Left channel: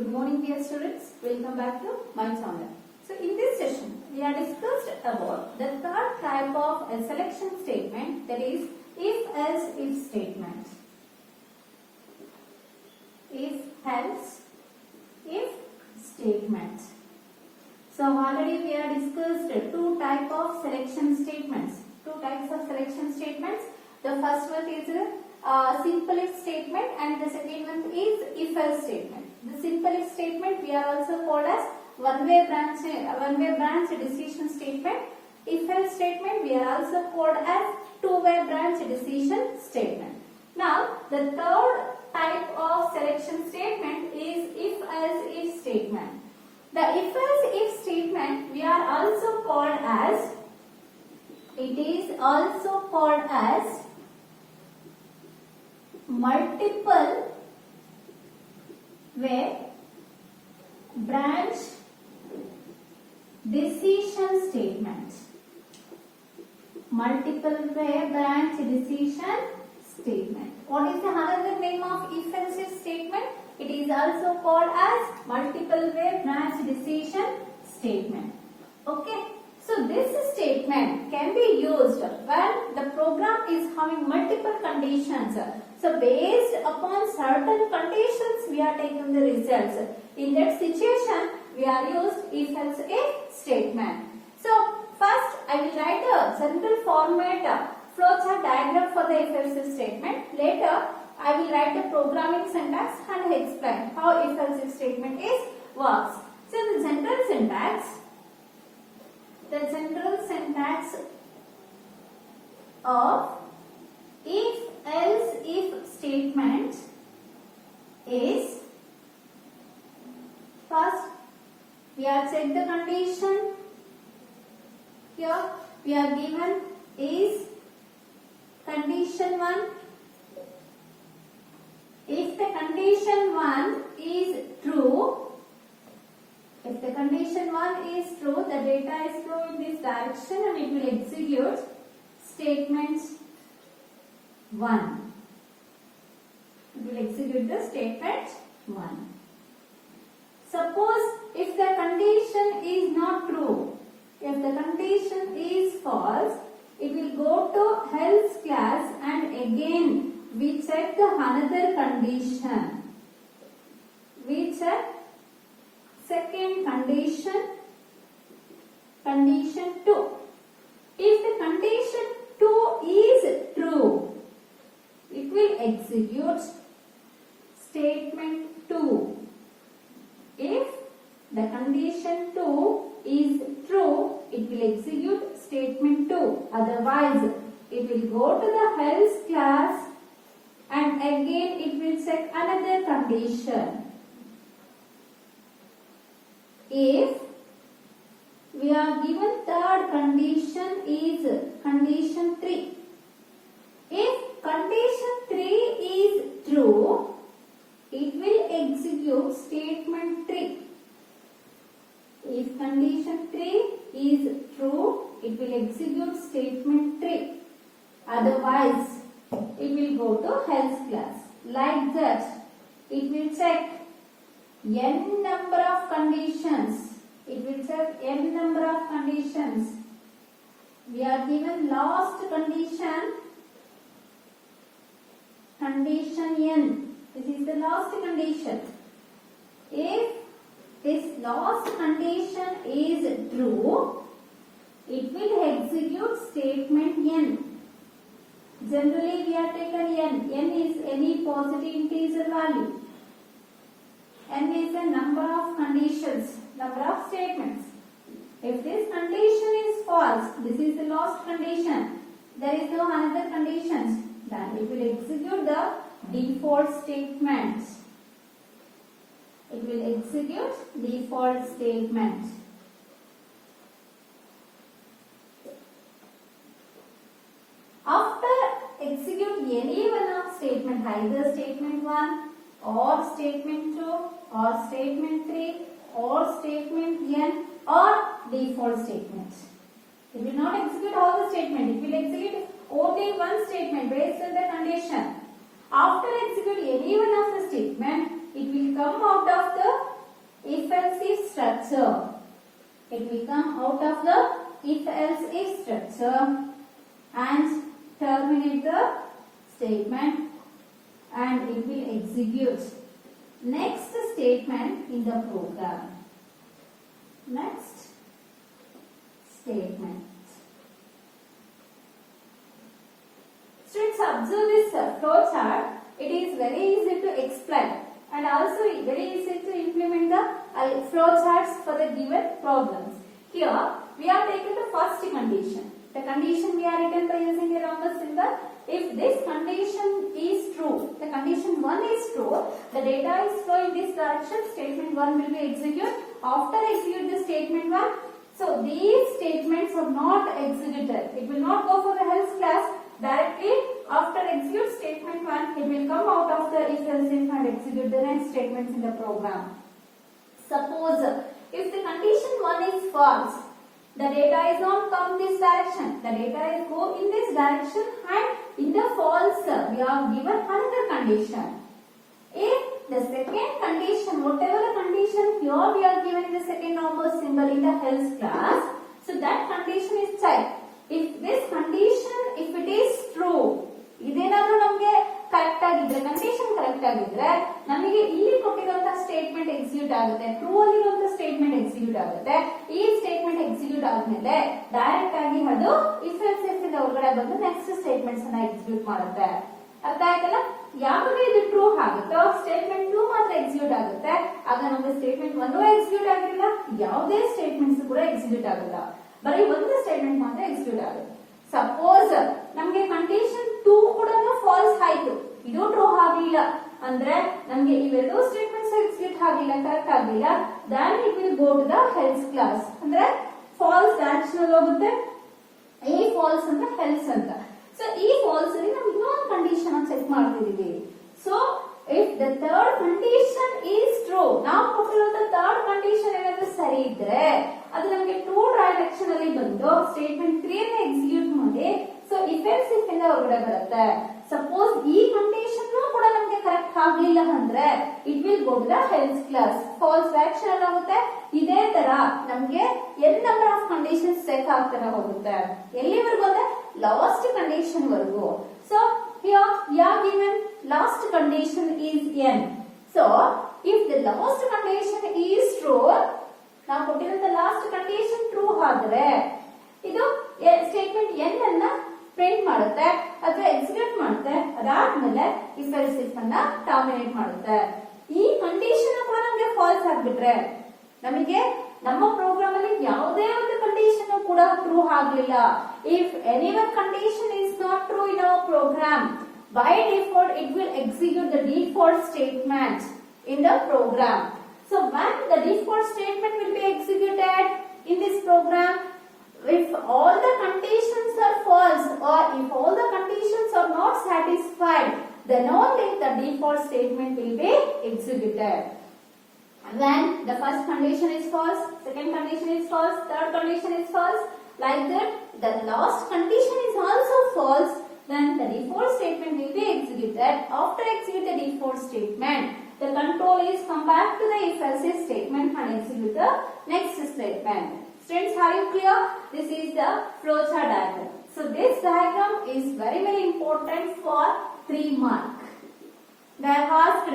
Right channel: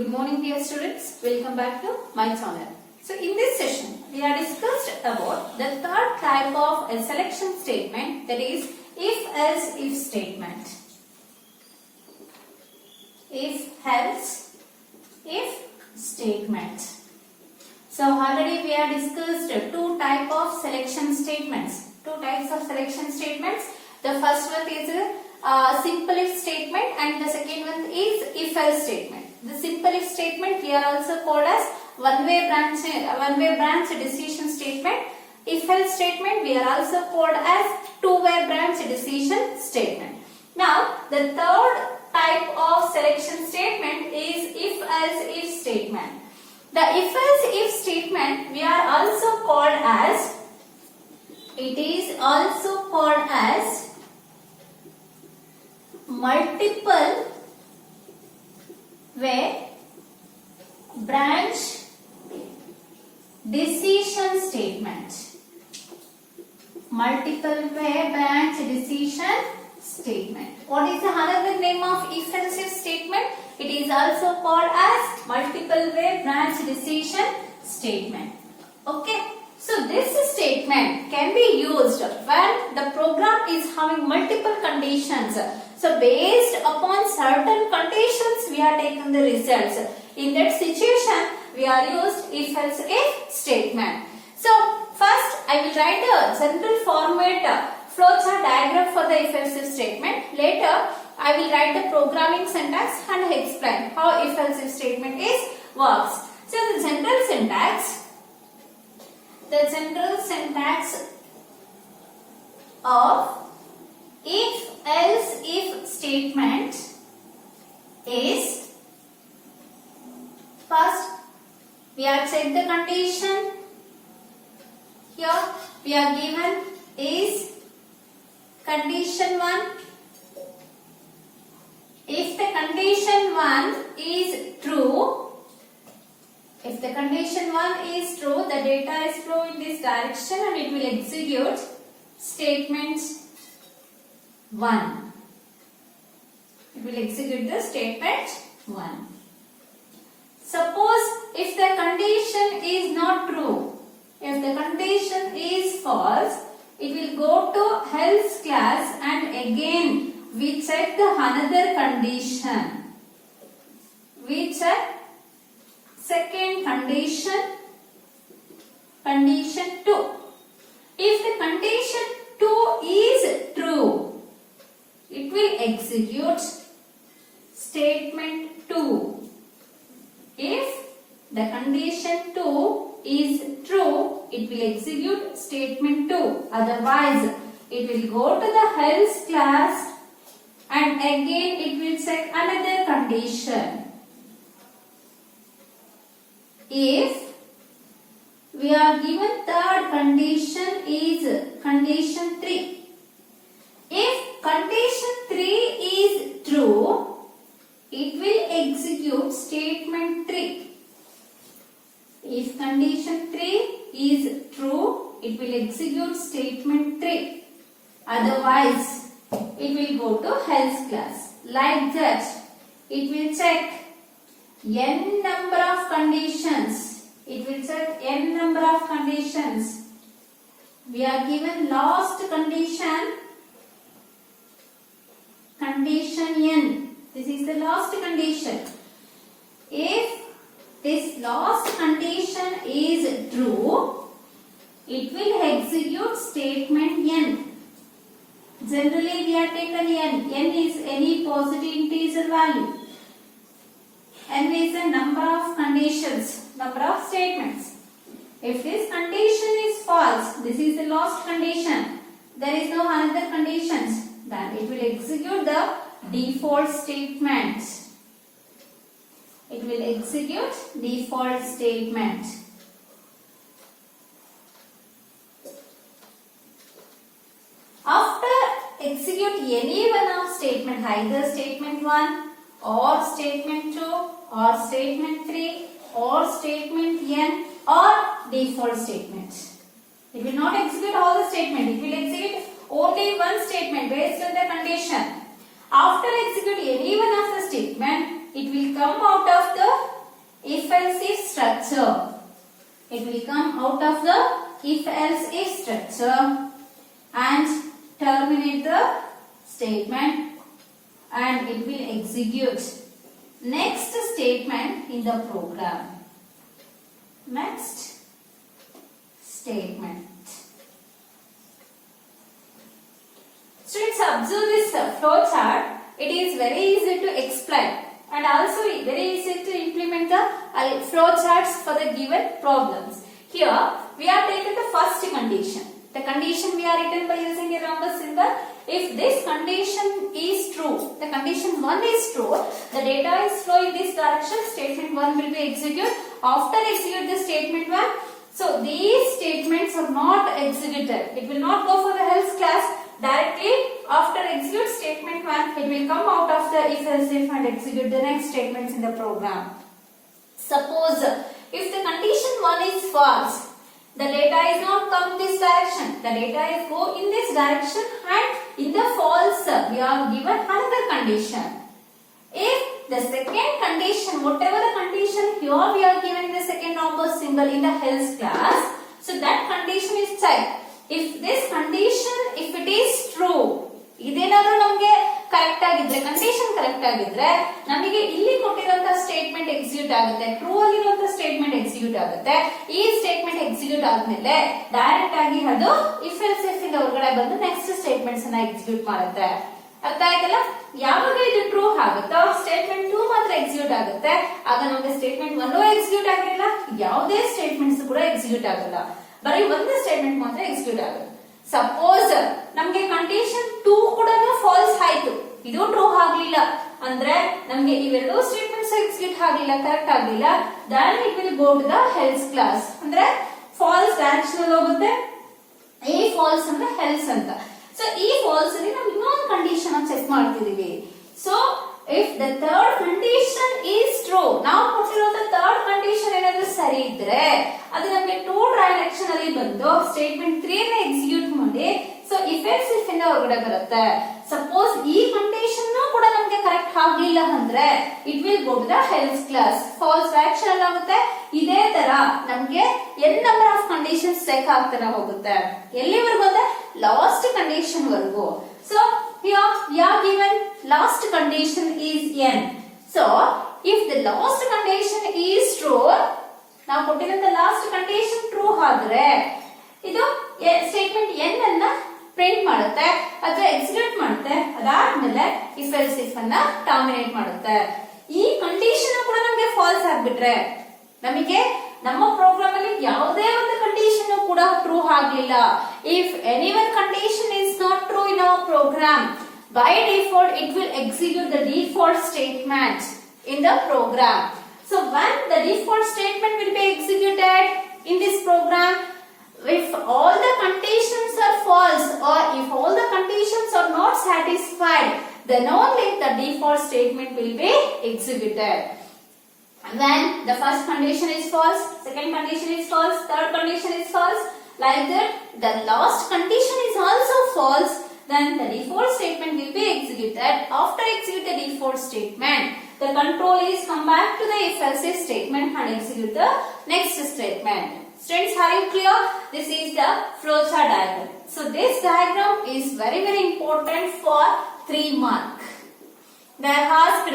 Good morning dear students, welcome back to my channel. So in this session, we are discussed about the third type of a selection statement, that is if-else if statement. If-else if statement. So already we have discussed two types of selection statements. The first one is a simple if statement and the second one is if-else statement. The simple if statement we are also called as one-way branch decision statement. If-else statement we are also called as two-way branch decision statement. Now the third type of selection statement is if-else if statement. The if-else if statement we are also called as, it is also called as multiple way branch decision statement. Multiple way branch decision statement. What is the another name of if-else if statement? It is also called as multiple way branch decision statement. Okay. So this statement can be used when the program is having multiple conditions. So based upon certain conditions we are taking the results. In that situation we are used if-else if statement. So first I will write a general format flowchart diagram for the if-else if statement. Later I will write the programming syntax and explain how if-else if statement works. So the general syntax of if-else if statement is, first we have checked the condition. Here we are given is condition 1. If the condition 1 is true, the data is flow in this direction and it will execute statement 1. It will execute the statement 1. Suppose if the condition is not true, if the condition is false, it will go to else class and again we check the another condition. We check second condition 2. If the condition 2 is true, it will execute statement 2. If the condition 2 is true, it will execute statement 2. Otherwise, it will go to the else class and again it will check another condition. If we are given third condition is condition 3. If condition 3 is true, it will execute statement 3. If condition 3 is true, it will execute statement 3. Otherwise, it will go to else class. Like that, it will check n number of conditions. It will check n number of conditions. We are given last condition, condition n. This is the last condition. If this last condition is true, it will execute statement n. Generally we have taken n. n is any positive integer value. N is the number of conditions, number of statements. If this condition is false, this is the last condition, there is no another conditions, then it will execute the default statement. It will execute default statement. After execute any one of statement, either statement 1 or statement 2 or statement 3 or statement n or default statement. It will not execute all the statement. It will execute only one statement based on the condition. After executing any one of the statement, it will come out of the if-else if structure. It will come out of the if-else if structure and terminate the statement and it will execute next statement in the program. Next statement. Students, observe this flow chart. It is very easy to explain and also very easy to implement the flow charts for the given problems. Here we have taken the first condition. The condition we are written by using a rhombus symbol. If this condition is true, the condition 1 is true, the data is flow in this direction, statement 1 will be executed. After execute the statement 1, so these statements are not executed. It will not go for the else class. Directly after execute statement 1, it will come out of the if-else if and execute the next statements in the program. Suppose if the condition 1 is false, the data is not come this direction. The data is go in this direction and in the false we are given another condition. If the second condition, whatever the condition here we are given in the second rhombus symbol in the else class, so that condition is checked. If this condition, if it is true, ಇದೇನಾದರೂ ನಮಗೆ correct ಆಗಿದ್ರೆ condition correct ಆಗಿದ್ರೆ ನಮಗೆ ಇಲ್ಲಿ ಕೊಟ್ಟಿರುವಂತಹ statement execute ಆಗುತ್ತೆ. True ಆಗಿರುವಂತಹ statement execute ಆಗುತ್ತೆ. ಈ ಸ್ಟೇಟ್ಮೆಂಟ್ ಎಕ್ಸಿಕ್ಯೂಟ್ ಆದ್ಮೇಲೆ ಡೈರೆಕ್ಟ್ ಆಗಿ ಅದು ಇಫ್ ಎಲ್ಸ್ ಇಫ್ ಇಂದ ಹೊರಗಡೆ ಬಂದು ನೆಕ್ಸ್ಟ್ ಸ್ಟೇಟ್ಮೆಂಟ್ಸ್ ಅನ್ನ ಎಕ್ಸಿಕ್ಯೂಟ್ ಮಾಡುತ್ತೆ. ಅರ್ಥ ಆಯ್ತಲ್ಲ? ಯಾವಾಗ ಇದು ಟ್ರೂ ಆಗುತ್ತೋ ಸ್ಟೇಟ್ಮೆಂಟ್ 2 ಮಾತ್ರ ಎಕ್ಸಿಕ್ಯೂಟ್ ಆಗುತ್ತೆ. ಆಗ ನಮಗೆ ಸ್ಟೇಟ್ಮೆಂಟ್ 1 ಎಕ್ಸಿಕ್ಯೂಟ್ ಆಗಿರಲ್ಲ, ಯಾವುದೇ ಸ್ಟೇಟ್ಮೆಂಟ್ಸ್ ಕೂಡ ಎಕ್ಸಿಕ್ಯೂಟ್ ಆಗಲ್ಲ, ಬರೀ ಒಂದು ಸ್ಟೇಟ್ಮೆಂಟ್ ಮಾತ್ರ ಎಕ್ಸಿಕ್ಯೂಟ್ ಆಗುತ್ತೆ. ಸಪೋಸ್ ನಮಗೆ ಕಂಡೀಷನ್ 2 ಕೂಡ ಫಾಲ್ಸ್ ಆಯ್ತು, ಇದು ಟ್ರೂ ಆಗ್ಲಿಲ್ಲ ಅಂದ್ರೆ ನಮಗೆ ಇವೆರಡು ಸ್ಟೇಟ್ಮೆಂಟ್ಸ್ ಎಕ್ಸಿಕ್ಯೂಟ್ ಆಗ್ಲಿಲ್ಲ, ಕರೆಕ್ಟ್ ಆಗ್ಲಿಲ್ಲ, then it will go to the else clause. ಅಂದ್ರೆ ಫಾಲ್ಸ್ ಡೈರೆಕ್ಷನ್ ಅಲ್ಲಿ ಹೋಗುತ್ತೆ. ಈ ಫಾಲ್ಸ್ ಅಂದ್ರೆ ಎಲ್ಸ್ ಅಂತ. ಸೊ ಈ ಫಾಲ್ಸ್ ಅಲ್ಲಿ ನಾವು ಇನ್ನೊಂದು ಕಂಡೀಷನ್ ಅನ್ನು ಚೆಕ್ ಮಾಡ್ತಿದೀವಿ. So if the third condition is true, ನಾವು ಕೊಟ್ಟಿರುವಂತ ಥರ್ಡ್ ಕಂಡೀಷನ್ ಏನಾದ್ರೂ ಸರಿ ಇದ್ರೆ ಅದು ನಮಗೆ ಟ್ರೂ ಡೈರೆಕ್ಷನ್ ಅಲ್ಲಿ ಬಂದು ಸ್ಟೇಟ್ಮೆಂಟ್ 3 ನ ಎಕ್ಸಿಕ್ಯೂಟ್ ಮಾಡಿ ಸೊ ಇಫ್ ಎಲ್ಸ್ ಇಫ್ ಇಂದ ಹೊರಗಡೆ ಬರುತ್ತೆ. ಸಪೋಸ್ ಈ ಕಂಡೀಷನ್ ಕೂಡ ನಮಗೆ ಕರೆಕ್ಟ್ ಆಗ್ಲಿಲ್ಲ ಅಂದ್ರೆ it will go to the else clause, false direction ಅಲ್ಲಿ ಆಗುತ್ತೆ. ಇದೇ ತರ ನಮಗೆ n number of conditions check ಆಗ್ತಾನೆ ಹೋಗುತ್ತೆ. ಎಲ್ಲಿವರೆಗೂ ಅಂದ್ರೆ ಲಾಸ್ಟ್ ಕಂಡೀಷನ್ ವರೆಗೂ. So here we are given last condition is n. So if the last condition is true, ನಾವು ಕೊಟ್ಟಿರುವಂತ ಲಾಸ್ಟ್ ಕಂಡೀಷನ್ ಟ್ರೂ ಆದ್ರೆ ಇದು ಸ್ಟೇಟ್ಮೆಂಟ್ n ಅನ್ನ ಪ್ರಿಂಟ್ ಮಾಡುತ್ತೆ ಅಥವಾ ಎಕ್ಸಿಕ್ಯೂಟ್ ಮಾಡುತ್ತೆ. ಅದಾದ್ಮೇಲೆ ಇಫ್ ಎಲ್ಸ್ ಇಫ್ ಅನ್ನ ಟರ್ಮಿನೇಟ್ ಮಾಡುತ್ತೆ. ಈ ಕಂಡೀಷನ್ ಕೂಡ ನಮಗೆ ಫಾಲ್ಸ್ ಆಗ್ಬಿಟ್ರೆ ನಮಗೆ ನಮ್ಮ ಪ್ರೋಗ್ರಾಮ್ ಅಲ್ಲಿ ಯಾವುದೇ ಒಂದು ಕಂಡೀಷನ್ ಕೂಡ ಟ್ರೂ ಆಗ್ಲಿಲ್ಲ. If any one condition is not true in our program, by default it will execute the default statement in the program. So when the default statement will be executed in this program, if all the conditions are false or if all the conditions are not satisfied, then only the default statement will be executed. When the first condition is false, second condition is false, third condition is false, like that the last condition is also false, then the default statement will be executed. After execute the default statement, the control is come back to the if else statement and execute the next statement. Students, are you clear? This is the flowchart diagram. So this diagram is very important for 3 mark. They are asked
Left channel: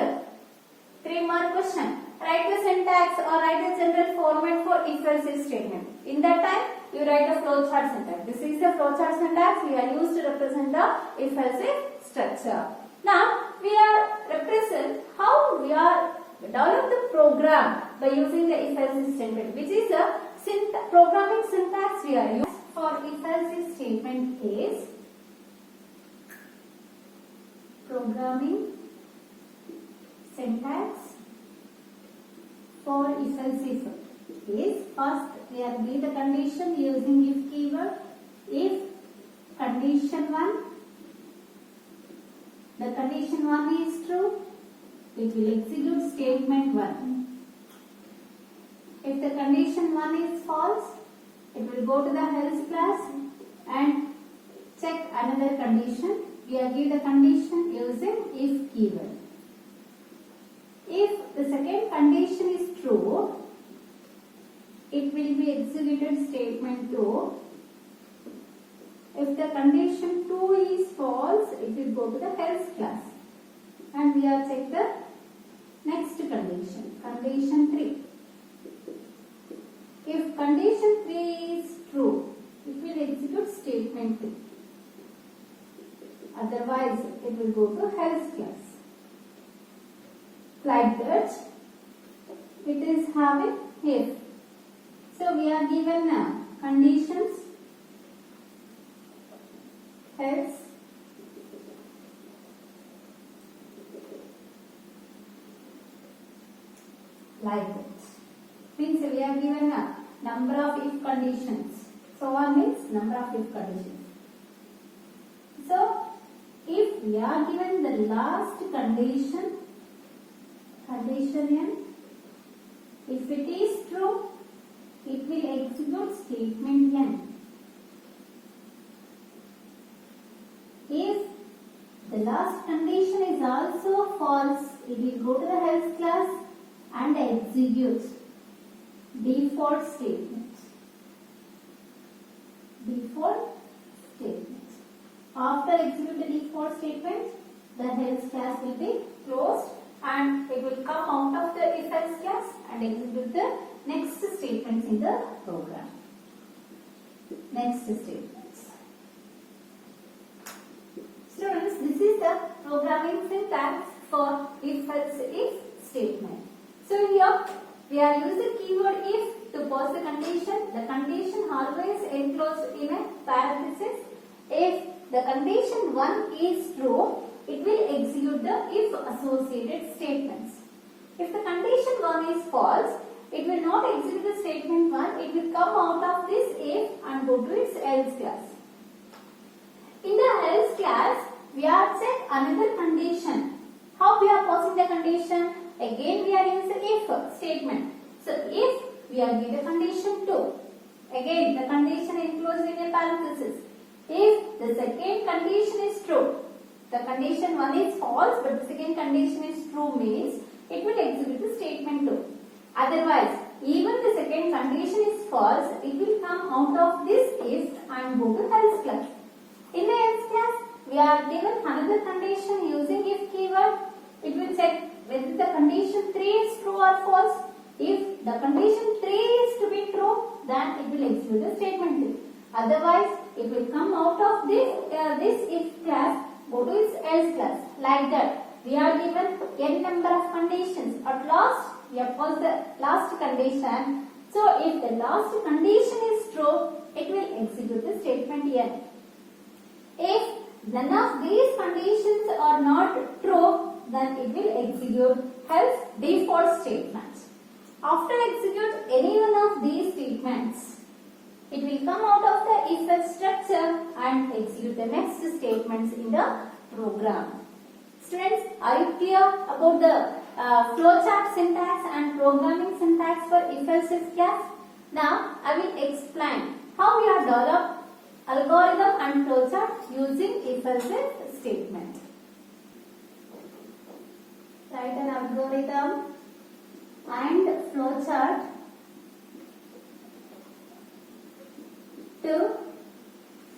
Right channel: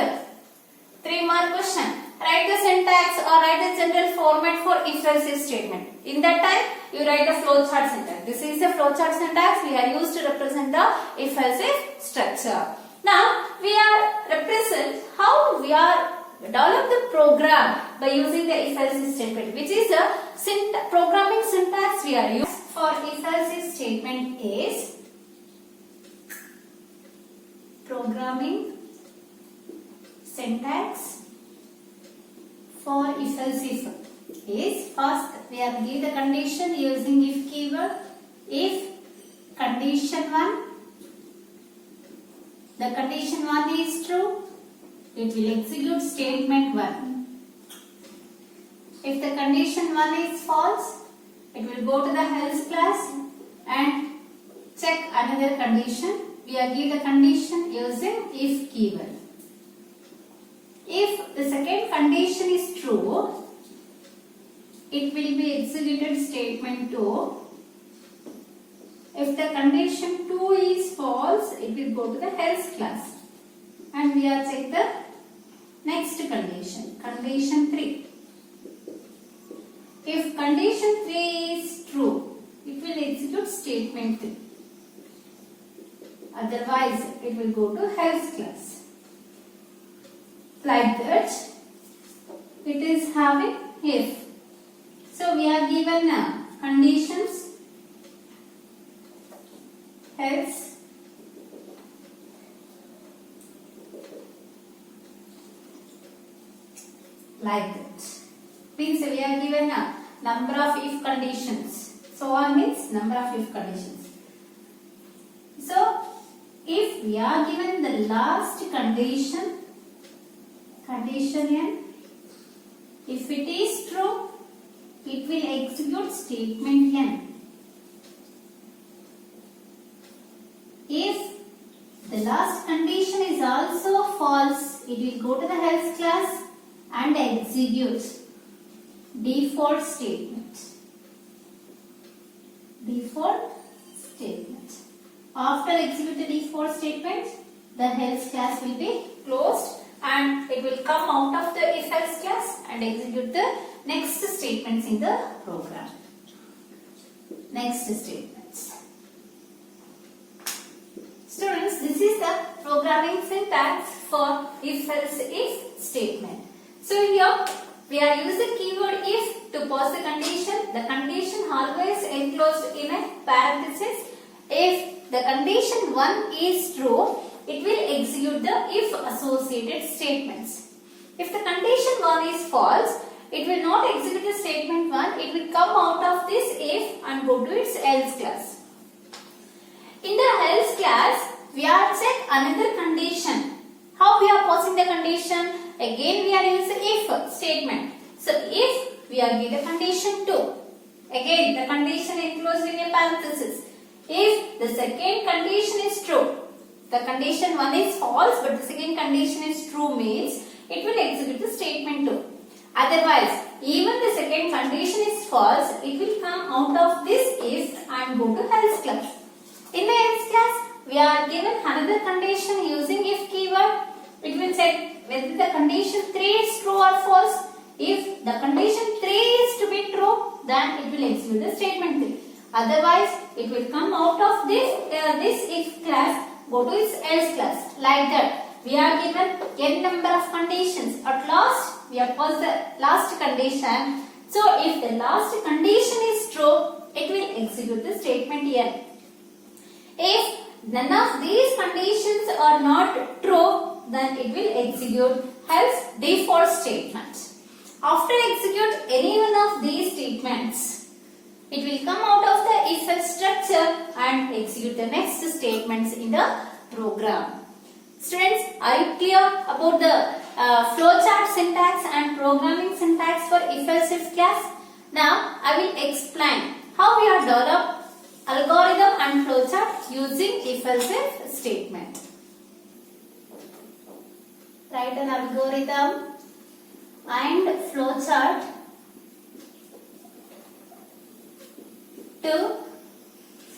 3 mark question. Write the syntax or write the general format for if else statement. In that time you write the flowchart syntax. This is the flowchart syntax we are used to represent the if else structure. Now we are represent how we are develop the program by using the if else statement, which is a programming syntax we are used for if else statement is programming syntax for if else if is first we are give the condition using if keyword. If condition 1, the condition 1 is true, it will execute statement 1. If the condition 1 is false, it will go to the else class and check another condition. We are give the condition using if keyword. if the second condition is true, it will be executed statement 2. If the condition 2 is false, it will go to the else class. And we are check the next condition, condition 3. If condition 3 is true, it will execute statement 3. Otherwise, it will go to else class. Like that, it is having if. So we are given conditions else, like that. Means we are given a number of if conditions. So on means number of if conditions. So if we are given the last condition, condition n, if it is true, it will execute statement n. If the last condition is also false, it will go to the else class and execute default statement. Default statement. After execute the default statement, the else class will be closed and it will come out of the if else class and execute the next statements in the program. Next statements. Students, this is the programming syntax for if else if statement. So here we are using keyword if to pose the condition. The condition always enclosed in a parenthesis. If the condition 1 is true, it will execute the if associated statements. If the condition 1 is false, it will not execute the statement 1. It will come out of this if and go to its else class. In the else class, we are check another condition. How we are posing the condition? Again, we are using if statement. So if we are given condition 2, again the condition enclosed in a parenthesis. If the second condition is true, the condition 1 is false, but the second condition is true means it will execute the statement 2. Otherwise, even the second condition is false, it will come out of this if and go to else class. In the else class, we are given another condition using if keyword. It will check whether the condition 3 is true or false. If the condition 3 is to be true, then it will execute the statement 3. Otherwise, it will come out of this if class, go to its else class. Like that, we are given n number of conditions. At last, we have posed the last condition. So, if the last condition is true, it will execute the statement n. If none of these conditions are not true, then it will execute else default statement. After execute any one of these statements, it will come out of the if else structure and execute the next statements in the program. Students, are you clear about the flowchart syntax and programming syntax for if else if class? Now, I will explain how we are developed algorithm and flowchart using if else if statement. Write an algorithm and flowchart to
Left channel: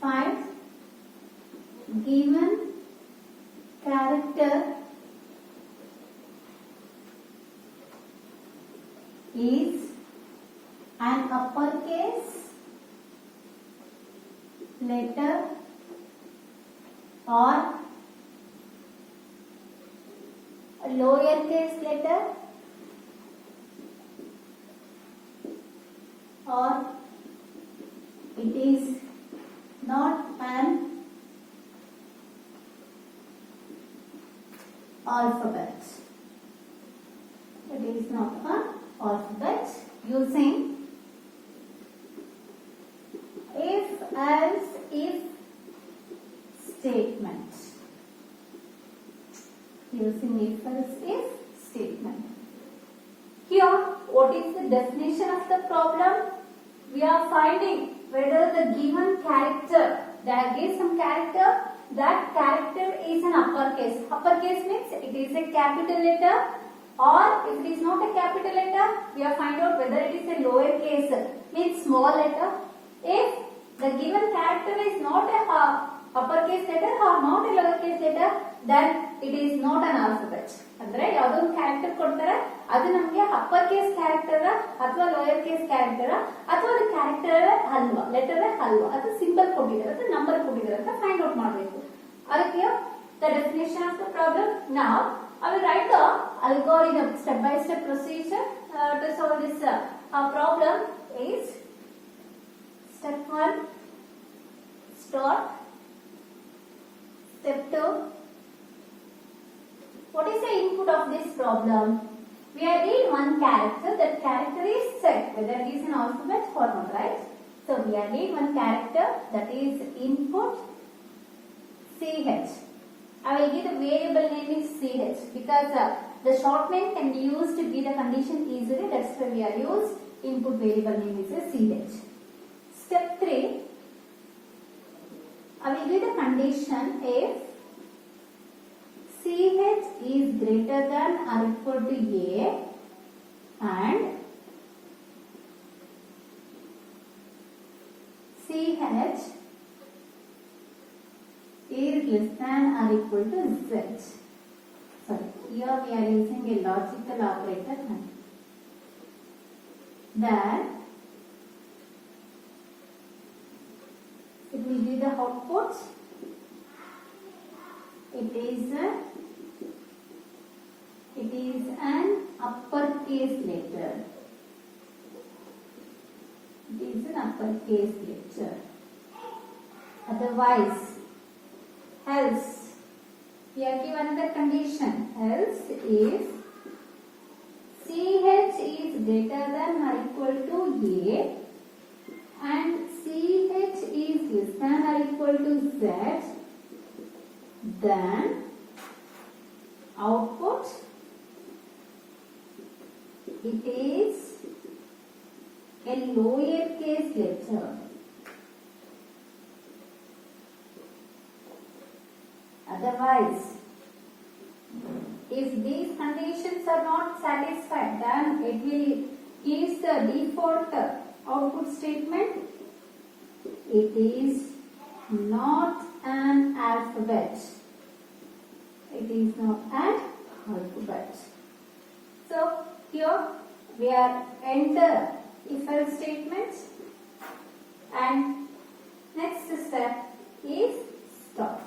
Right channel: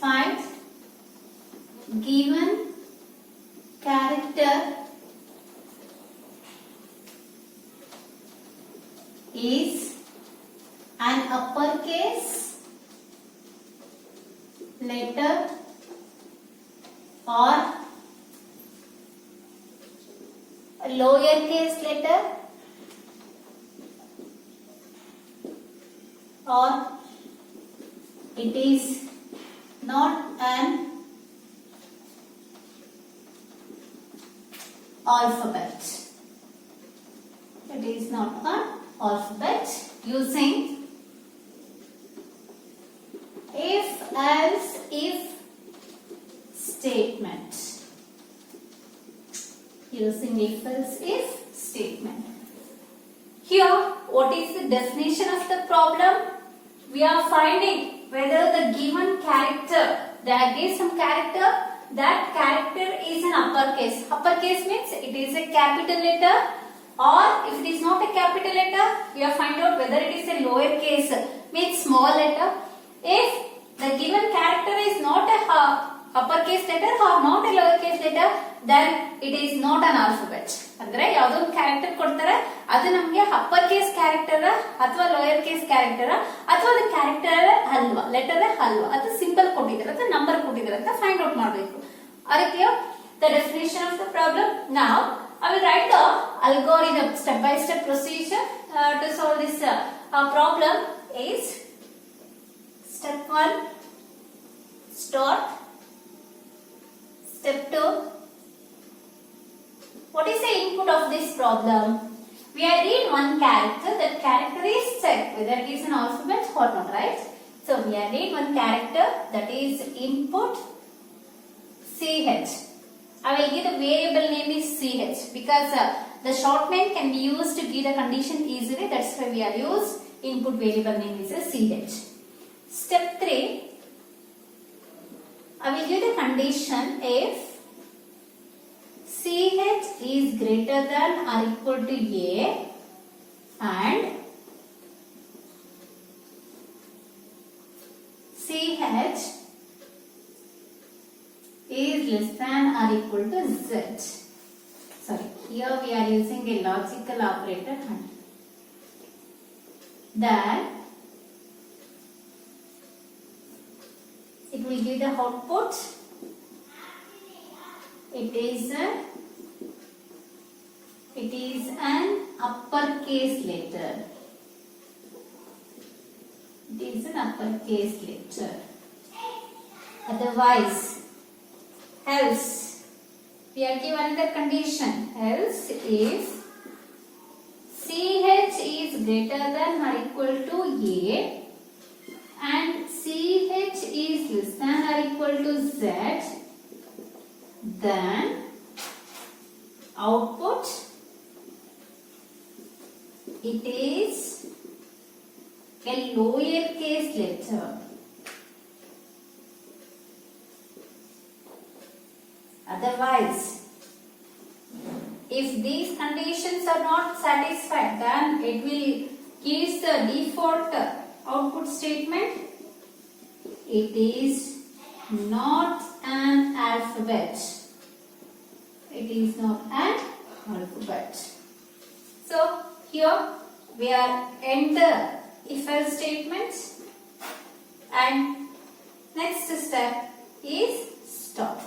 find given character is an uppercase letter or a lowercase letter or it is not an alphabet. It is not an alphabet using if else if statement. Using if else if statement. Here, what is the definition of the problem? We are finding whether the given character, there is some character, that character is an uppercase. Uppercase means it is a capital letter or you have find out whether it is a lower case means small letter. If the given character is not a uppercase letter or not a lowercase letter, then it is not an alphabet. ಅಂದ್ರೆ ಯಾವುದೋ ಒಂದು character ಕೊಡ್ತಾರೆ, ಅದು ನಮಗೆ upper case character ಅಥವಾ lower case character ಅಥವಾ ಅದು character ಅಲ್ವಾ, ಲೆಟರ್ ಅಲ್ವಾ, ಅದು ಸಿಂಬಲ್ ಕೊಟ್ಟಿದ್ದಾರೆ ಅಥವಾ ನಂಬರ್ ಕೊಟ್ಟಿದ್ದಾರೆ ಅಂತ ಫೈಂಡ್ ಔಟ್ ಮಾಡಬೇಕು. ಅದಕ್ಕೆ the definition of the problem. Now I will write the algorithm step by step procedure to solve this problem. Is step 1 start, step 2 what is the input of this problem? We are read one character, that character is checked whether it is an alphabet or not, right? So we are read one character, that is input CH. I will give the variable name is CH because the short name can be used to give the condition easily. That's why we are used input variable name is a CH. Step 3, I will give the condition if CH is greater than or equal to A and CH is less than or equal to Z. Sorry, here we are using a logical operator. Then it will give the output. It is an uppercase letter. It is an uppercase letter. Otherwise, else, we are given another condition. Else, if CH is greater than or equal to A and CH is less than or equal to Z, then output it is a lower case letter. Otherwise, if these conditions are not satisfied, then it will give the default output statement. It is not an alphabet. It is not an alphabet. So here we are enter if-else statements, and next step is stop.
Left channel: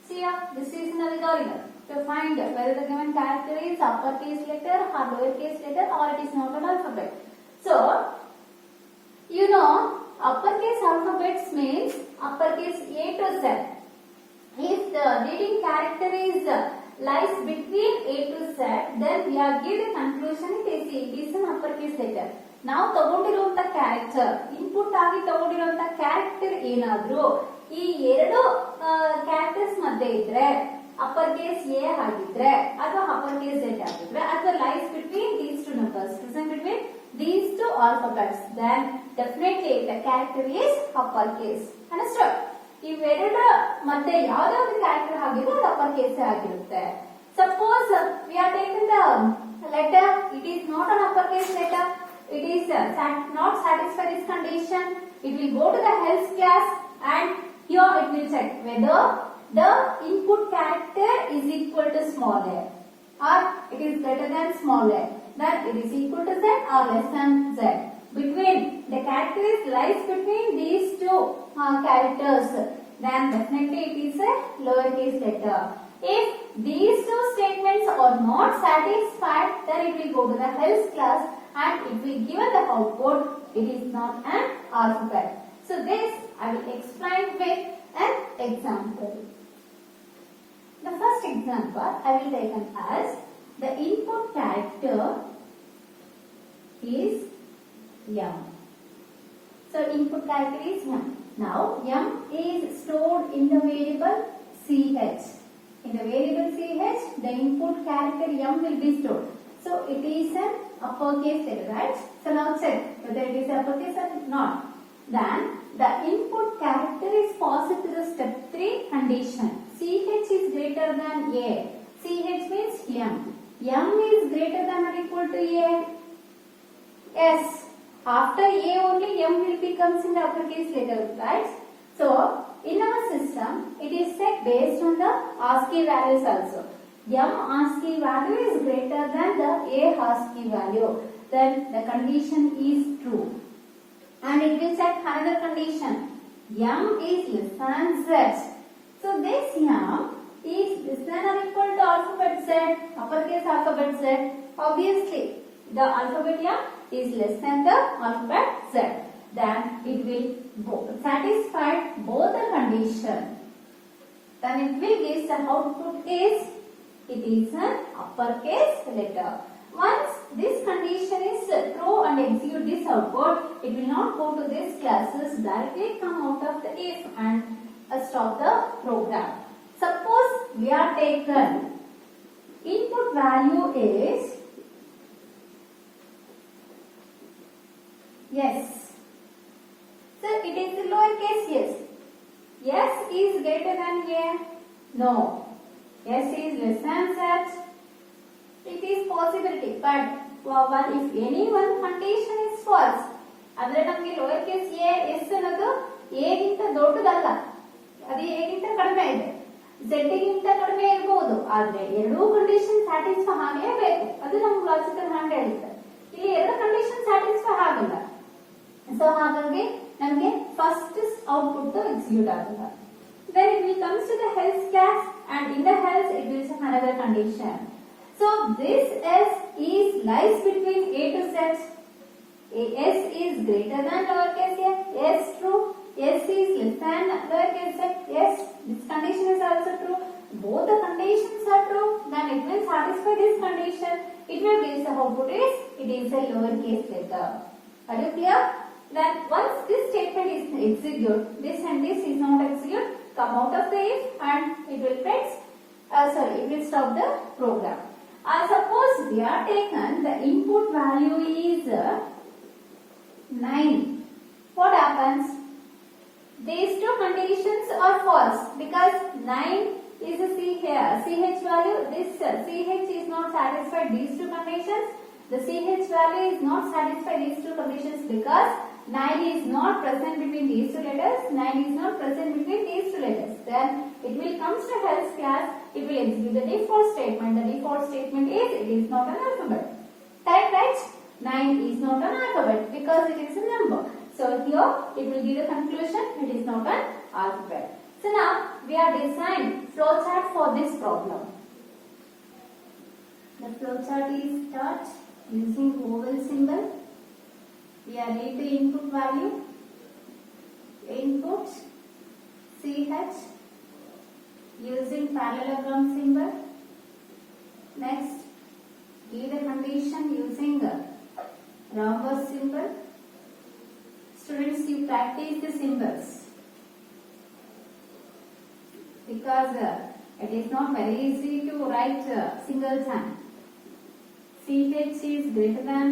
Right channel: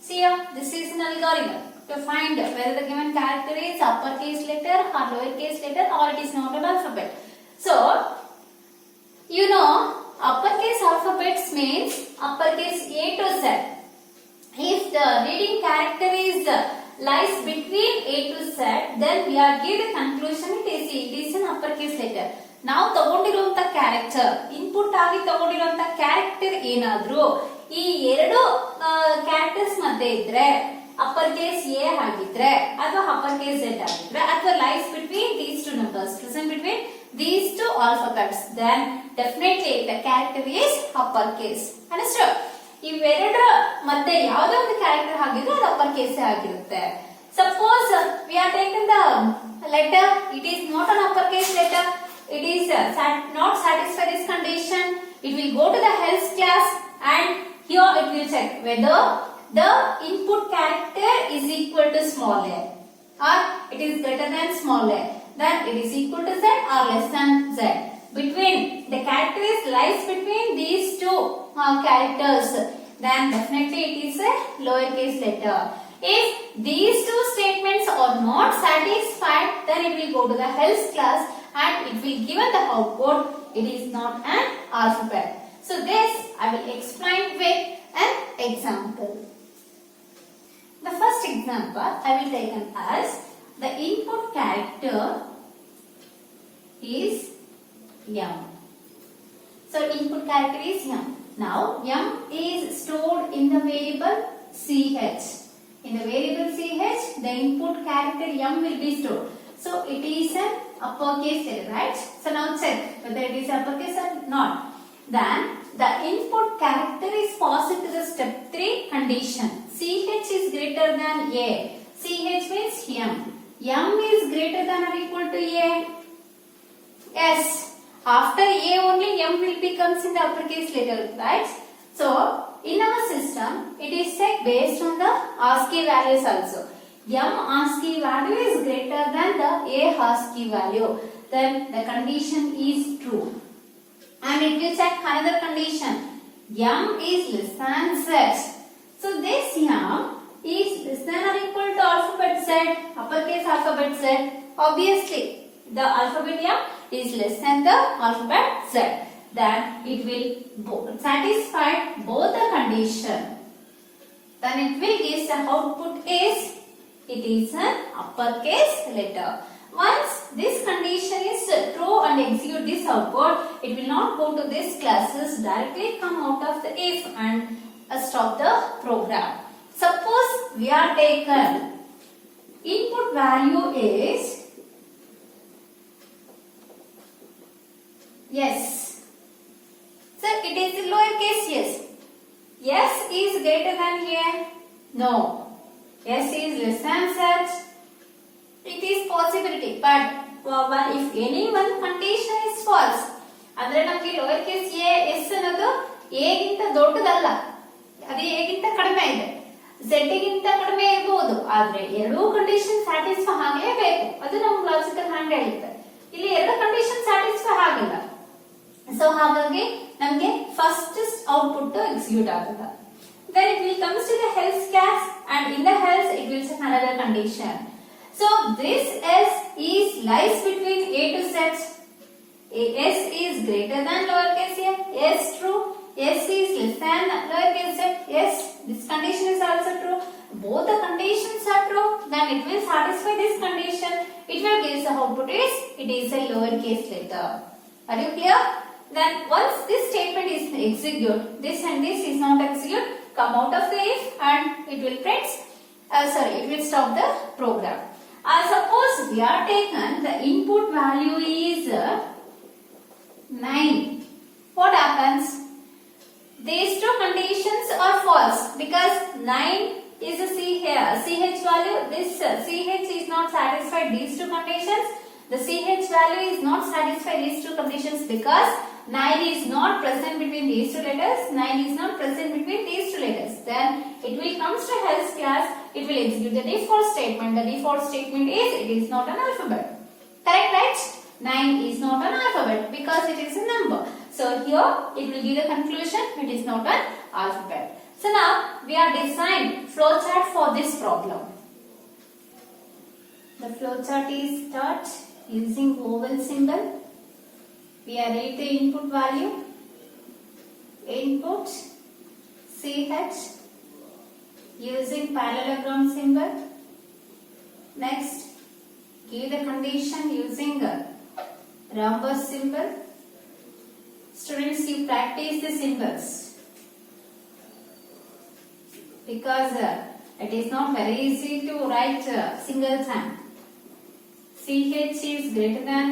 See here, this is an algorithm to find whether the given character is uppercase letter or lowercase letter or it is not an alphabet. So you know, uppercase alphabets means uppercase A to Z. If the reading character is lies between A to Z, then we are given conclusion it is an uppercase letter. ನಾವು ತಗೊಂಡಿರುವಂತ character input ಆಗಿ ತಗೊಂಡಿರುವಂತ character ಏನಾದ್ರೂ ಈ ಎರಡು characters ಮಧ್ಯೆ ಇದ್ರೆ upper case A ಆಗಿದ್ರೆ ಅಥವಾ upper case Z ಆಗಿದ್ರೆ ಅಥವಾ lies between these two numbers present between these two alphabets, then definitely the character is uppercase. Understood? ಇವೆರಡರ ಮಧ್ಯೆ ಯಾವುದೋ ಒಂದು ಕ್ಯಾರೆಕ್ಟರ್ ಆಗಿದ್ರೆ ಅದು ಅಪ್ಪರ್ ಕೇಸ್ ಆಗಿರುತ್ತೆ. Suppose we are taking the letter, it is not an uppercase letter, it is not satisfy this condition, it will go to the else class and here it will check whether the input character is equal to small a or it is greater than small a. Then it is equal to Z or less than Z. Between the character is lies between these two characters, then definitely it is a lowercase letter. If these two statements are not satisfied, then it will go to the else class and it will give the output. It is not an alphabet. So this I will explain with an example. The first example I will take as the input character is M. So input character is M. Now M is stored in the variable CH. In the variable CH, the input character M will be stored. So it is an uppercase letter, right? So now check whether it is uppercase or not. Then the input character is passed to the step 3 condition. CH is greater than A. CH means M. M is greater than or equal to A? Yes. After A only M will becomes in the uppercase letter, right? So in our system, it is checked based on the ASCII values also. M ASCII value is greater than the A ASCII value. Then the condition is true. And it will check another condition. M is less than Z. So this M is less than or equal to alphabet Z, uppercase alphabet Z. Obviously, the alphabet M is less than the alphabet Z. Then it will satisfy both the condition. Then it will give the output is, it is an uppercase letter. Once this condition is true and execute this output, it will not go to this classes, directly come out of the if and stop the program. Suppose we are taken input value is, yes, so it is lowercase yes. S is greater than A? No. S is less than Z. It is possibility, but if any one condition is false, andre namage lowercase a s ಅನ್ನೋದು a ಗಿಂತ ದೊಡ್ಡದಲ್ಲ, ಅದು a ಗಿಂತ ಕಡಿಮೆ ಇದೆ, z ಗಿಂತ ಕಡಿಮೆ ಇರಬಹುದು, ಆದ್ರೆ ಎರಡೂ ಕಂಡೀಷನ್ ಸ್ಯಾಟಿಸ್ಫೈ ಆಗಲೇಬೇಕು, ಅದು ನಮ್ಮ ಲಾಜಿಕಲ್ ಹ್ಯಾಂಡ್ ಹೇಳುತ್ತೆ. ಇಲ್ಲಿ ಎರಡು ಕಂಡೀಷನ್ ಸ್ಯಾಟಿಸ್ಫೈ ಆಗಲ್ಲ, ಸೊ ಹಾಗಾಗಿ ನಮಗೆ ಫಸ್ಟ್ ಔಟ್ಪುಟ್ ಎಕ್ಸಿಕ್ಯೂಟ್ ಆಗಲ್ಲ. Then it will comes to the else class, and in the else it will set another condition. So this S is lies between A to Z. S is greater than lowercase a. Yes, true. S is less than lowercase z. Yes, this condition is also true. Both the conditions are true. Then it will satisfy this condition. It will give the output is, it is a lowercase letter. Are you clear? Then once this statement is execute, this and this is not execute, come out of the if and it will print. It will stop the program. Suppose we are taken the input value is 9. What happens? These two conditions are false because 9 is a CH value. This CH is not satisfied these two conditions. The CH value is not satisfied these two conditions because 9 is not present between these two letters. 9 is not present between these two letters. Then it will comes to else class. It will execute the default statement. The default statement is, it is not an alphabet. Correct, right? 9 is not an alphabet because it is a number. So here it will give the conclusion, it is not an alphabet. So now we are designing flowchart for this problem. The flowchart is start using oval symbol. We are read the input value, input CH using parallelogram symbol. Next, give the condition using rhombus symbol. Students, you practice the symbols because it is not very easy to write single time. CH is greater than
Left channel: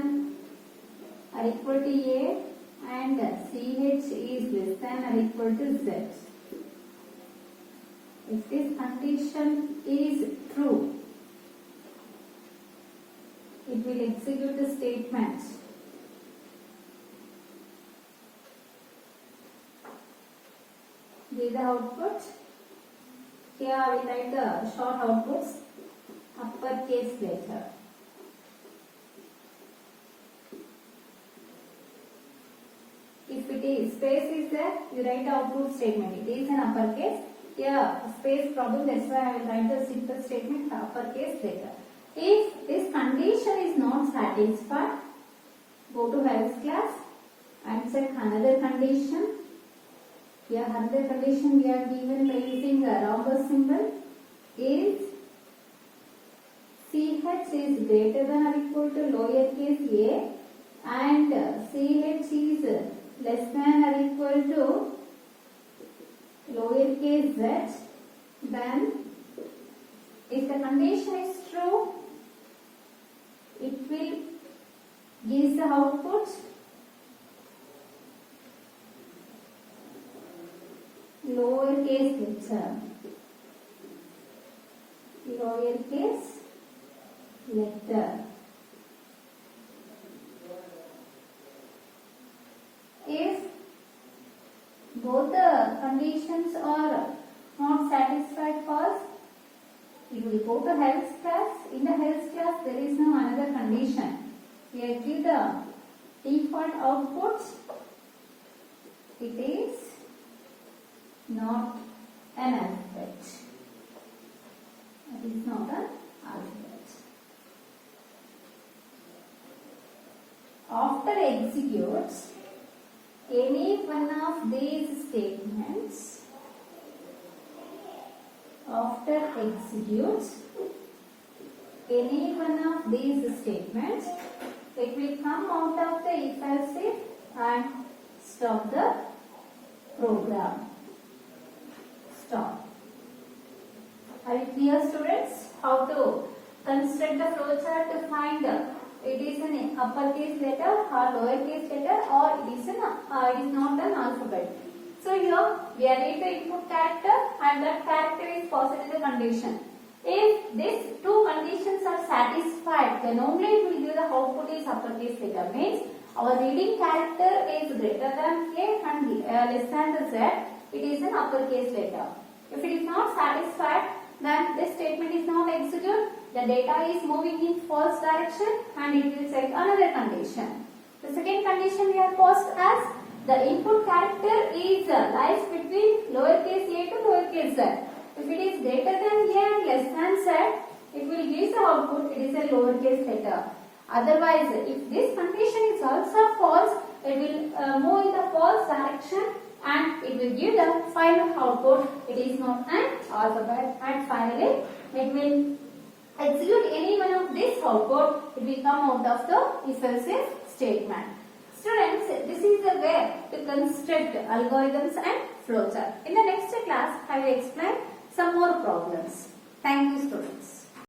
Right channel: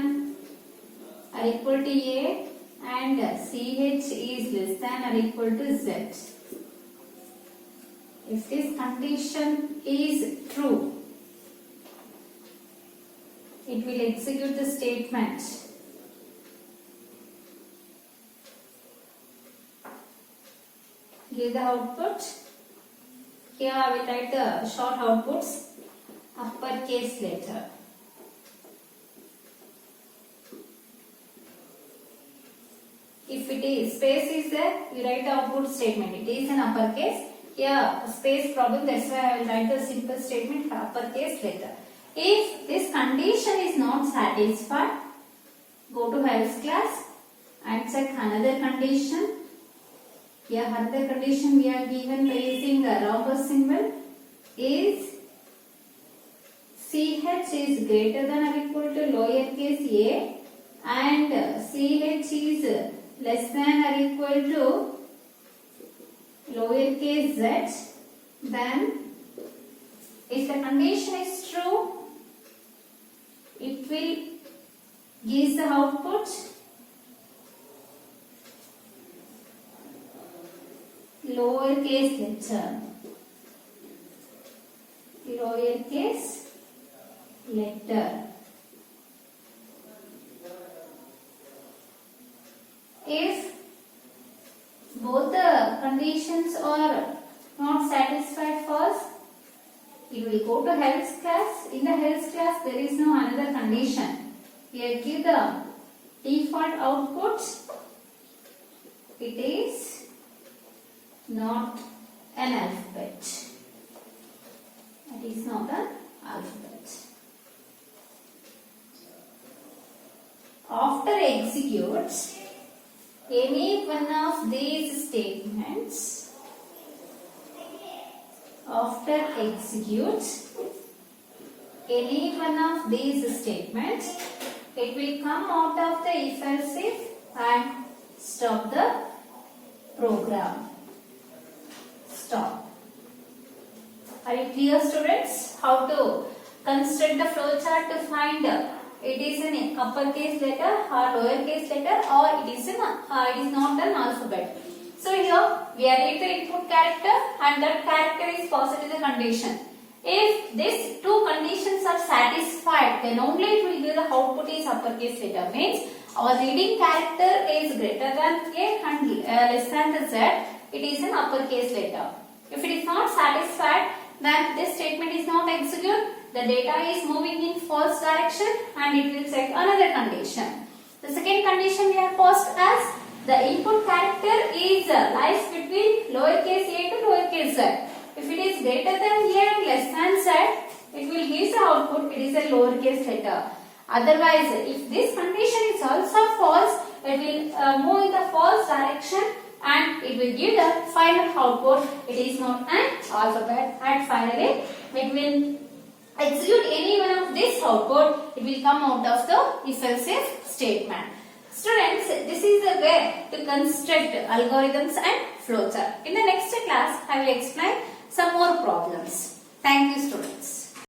or equal to A and CH is less than or equal to Z. If this condition is true, it will execute the statement. Give the output. Here I will write the short outputs, uppercase letter. If it is space is there, you write the output statement. It is an uppercase. Here space problem, that's why I will write the simple statement for uppercase letter. If this condition is not satisfied, go to else class and check another condition. Here another condition we are given by using the rhombus symbol is CH is greater than or equal to lowercase a and CH is less than or equal to lowercase z. Then if the condition is true, it will give the output lowercase letter, lowercase letter. If both the conditions are not satisfied, false, it will go to else class. In the else class, there is no another condition. Here give the default output. It is not an alphabet. It is not an alphabet. After executes any one of these statements, after executes any one of these statements, it will come out of the if else if and stop the program. Stop. Are you clear, students? How to construct the flowchart to find it is an uppercase letter or lowercase letter, or it is not an alphabet. So here we are read the input character and that character is passed to the condition. If these two conditions are satisfied, then only it will give the output is uppercase letter. Means our reading character is greater than A and less than the Z. It is an uppercase letter. If it is not satisfied, then this statement is not executed. The data is moving in false direction and it will check another condition. The second condition we have passed as the input character is lies between lowercase a to lowercase z. If it is greater than a and less than z, it will give the output. It is a lowercase letter. Otherwise, if this condition is also false, it will move in the false direction and it will give the final output. It is not an alphabet. And finally, it will execute any one of this output. It will come out of the if else if statement. Students, this is the way to construct algorithms and flowchart. In the next class, I will explain some more problems. Thank you, students.